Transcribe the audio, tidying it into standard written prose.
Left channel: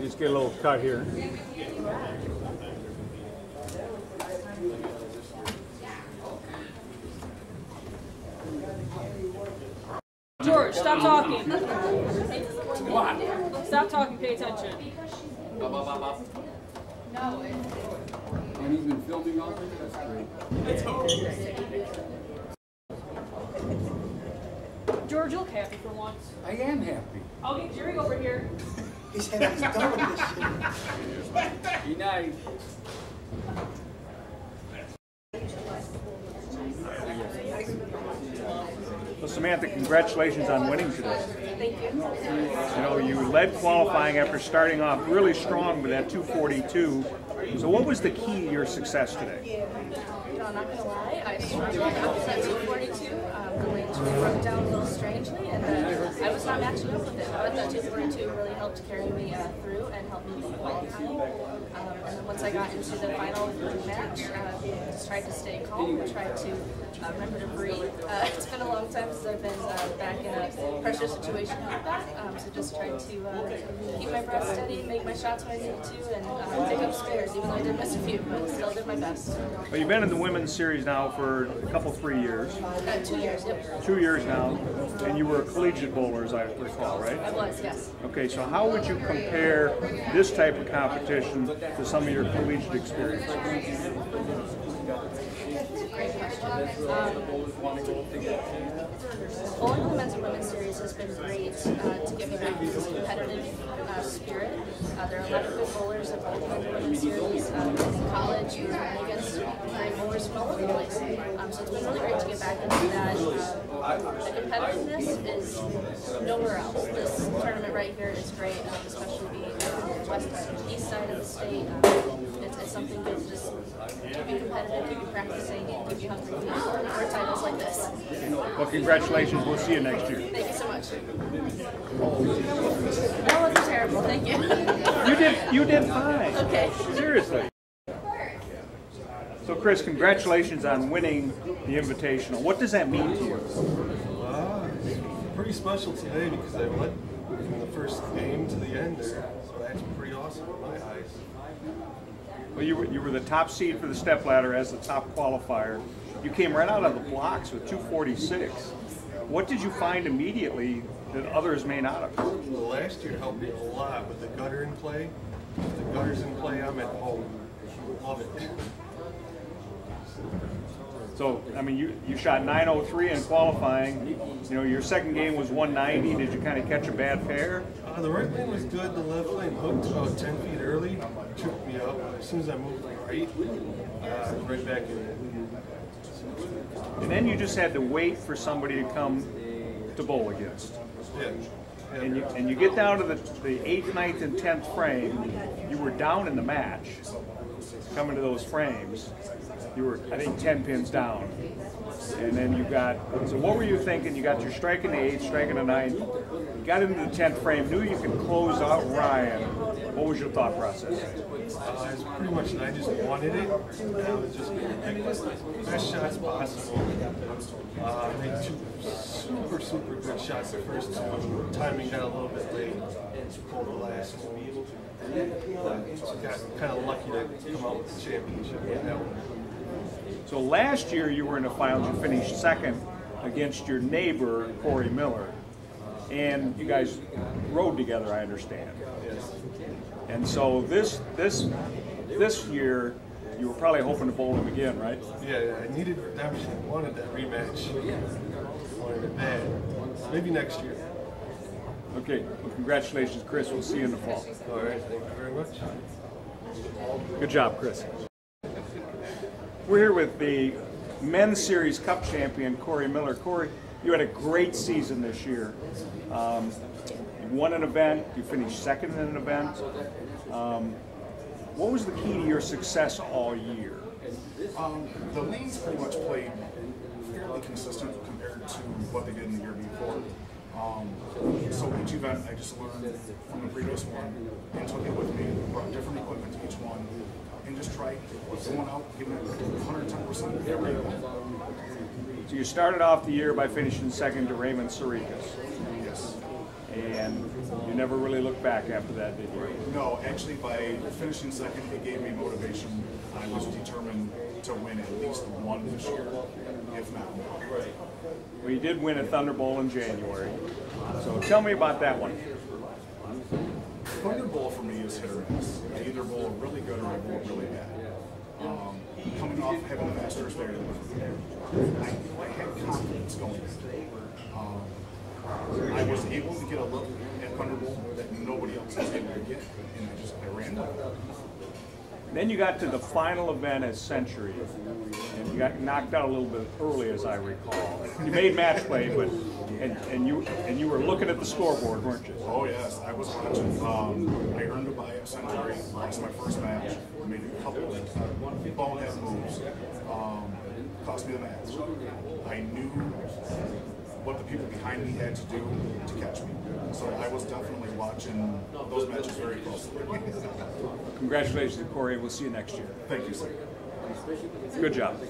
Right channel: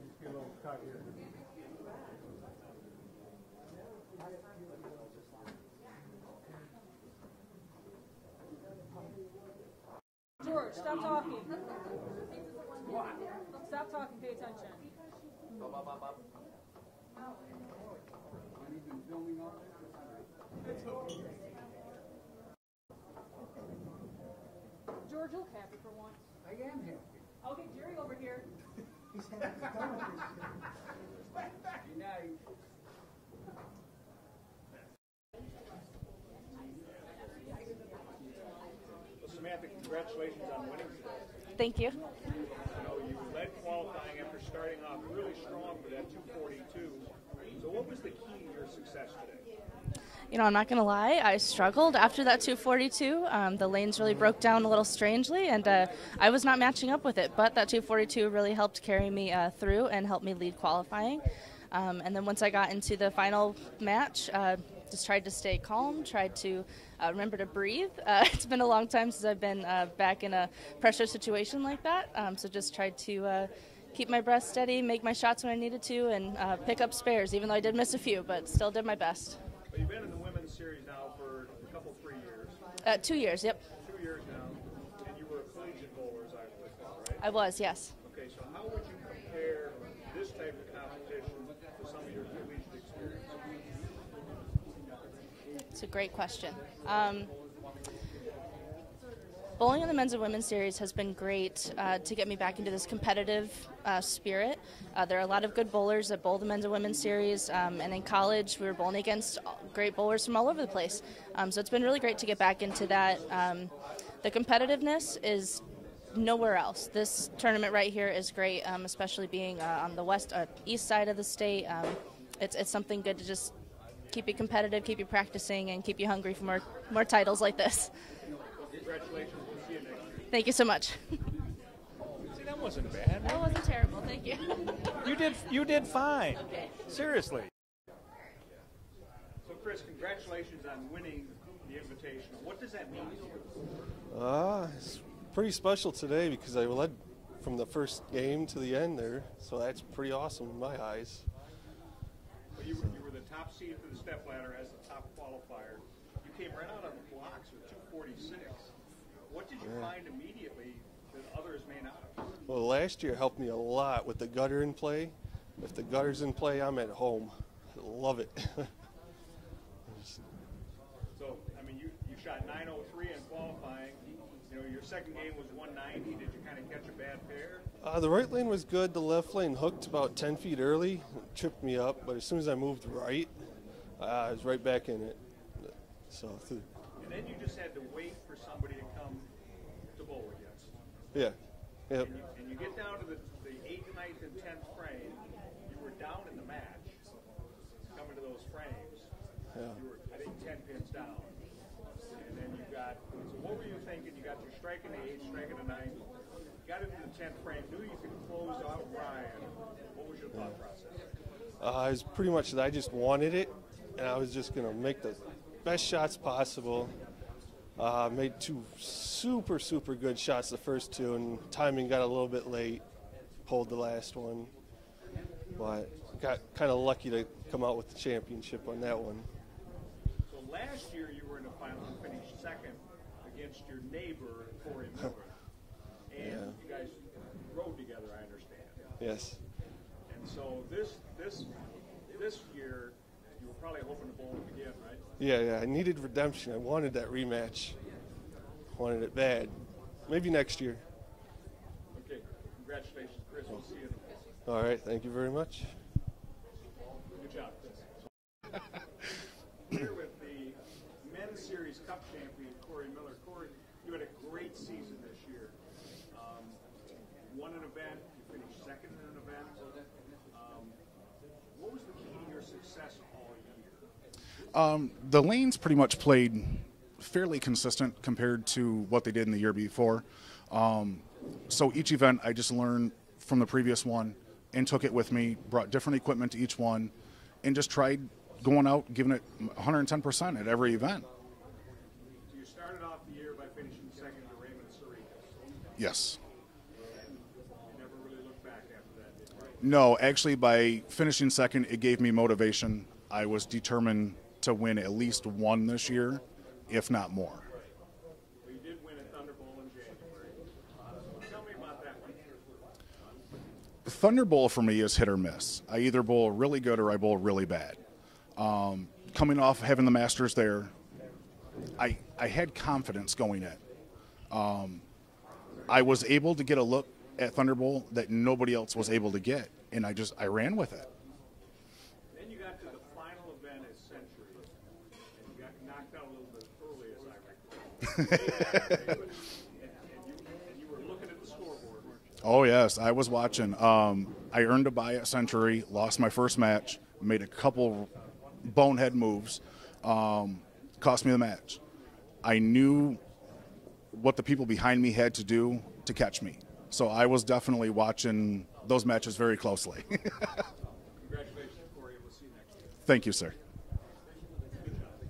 You just get a little cut here. George, stop talking. What? Stop talking, pay attention. And he's been filming all day? That's great. George, you look happy for once. I am happy. I'll get Jerry over here. He said he's done with this shit. Be nice. Well, Samantha, congratulations on winning today. Thank you. You know, you led qualifying after starting off really strong with that 242. So what was the key to your success today? You know, I'm not going to lie, I struggled after that 242. The lanes really broke down a little strangely, and I was not matching up with it, but that 242 really helped carry me through and helped me lead qualifying. And then once I got into the final match, just tried to stay calm, tried to remember to breathe. It's been a long time since I've been back in a pressure situation like that, so just tried to keep my breath steady, make my shots when I needed to, and pick up spares, even though I did miss a few, but still did my best. Well, you've been in the women's series now for a couple, 3 years. 2 years, yep. 2 years now, and you were a collegiate bowler, as I recall, right? I was, yes. Okay, so how would you compare this type of competition to some of your collegiate experience? It's a great question. Bowling in the men's and women's series has been great to get me back into this competitive spirit. There are a lot of good bowlers at both men's and women's series, and in college we were bowling against great bowlers from all over the place. So it's been really great to get back into that. The competitiveness is nowhere else. This tournament right here is great, especially being on the east side of the state. It's something good to just keep you competitive, keep you practicing, and keep you hungry for more titles like this. Well, congratulations. We'll see you next year. Thank you so much. That wasn't terrible. Thank you. You did fine. Okay. Seriously. So, Chris, congratulations on winning the Invitational. What does that mean to you? It's pretty special today because I led from the first game to the end there, so that's pretty awesome in my eyes. Well, you were the top seed for the stepladder as the top qualifier. You came right out of the blocks with 246. What did you find immediately that others may not have? Well, last year helped me a lot with the gutter in play. If the gutter's in play, I'm at home. Love it. So, I mean, you shot 903 in qualifying. You know, your second game was 190. Did you kind of catch a bad pair? The right lane was good. The left lane hooked about 10 feet early, tripped me up. As soon as I moved right, I was right back in it. And then you just had to wait for somebody to come to bowl against. Yeah. And you get down to the 8th, 9th, and 10th frame. You were down in the match. Coming to those frames, you were, I think, 10 pins down. And then you got, so what were you thinking? You got your strike in the 8th, strike in the 9th. You got into the 10th frame, knew you could close out Ryan. What was your thought process? It's pretty much, I just wanted it, and I was just going to make the best shots possible. Made two super good shots the first two. Timing got a little bit late, pulled the last one. Got kind of lucky to come out with the championship on that one. So last year you were in the finals, you finished second against your neighbor, Corey Miller. And you guys rode together, I understand. Yes. And so this year, you were probably hoping to bowl him again, right? Yeah, I needed redemption. I wanted that rematch. Wanted it bad. Maybe next year. Okay, well, congratulations, Chris. We'll see you in the fall. All right, thank you very much. Good job, Chris. We're here with the Men's Series Cup champion, Corey Miller. Corey, you had a great season this year. You won an event, you finished second in an event. What was the key to your success all year? The lanes pretty much played fairly consistent compared to what they did in the year before. So each event I just learned from the previous one and took it with me, brought different equipment to each one, and just tried going out, giving it 110% at every event. So you started off the year by finishing second to Raymond Sarikas. Yes. and you never really looked back after that, did you? No, actually, by finishing second, it gave me motivation. I was determined to win at least one this year, if not more. Well, you did win a Thunder Bowl in January, so tell me about that one. Thunder Bowl for me is hit or miss. I either bowl really good or I bowl really bad. Coming off having the Masters there, I had confidence going in. I was able to get a look at Thunder Bowl that nobody else was able to get, and I ran with it. Then you got to the final event at Century, and you got knocked out a little bit early, as I recall. You made match play, but and you were looking at the scoreboard, weren't you? Oh yes, I was watching. I earned a bye at Century, lost my first match, made a couple bonehead moves, cost me the match. I knew what the people behind me had to do to catch me, so I was definitely watching those matches very closely. Congratulations, Corey. We'll see you next year. Thank you, sir. Good job.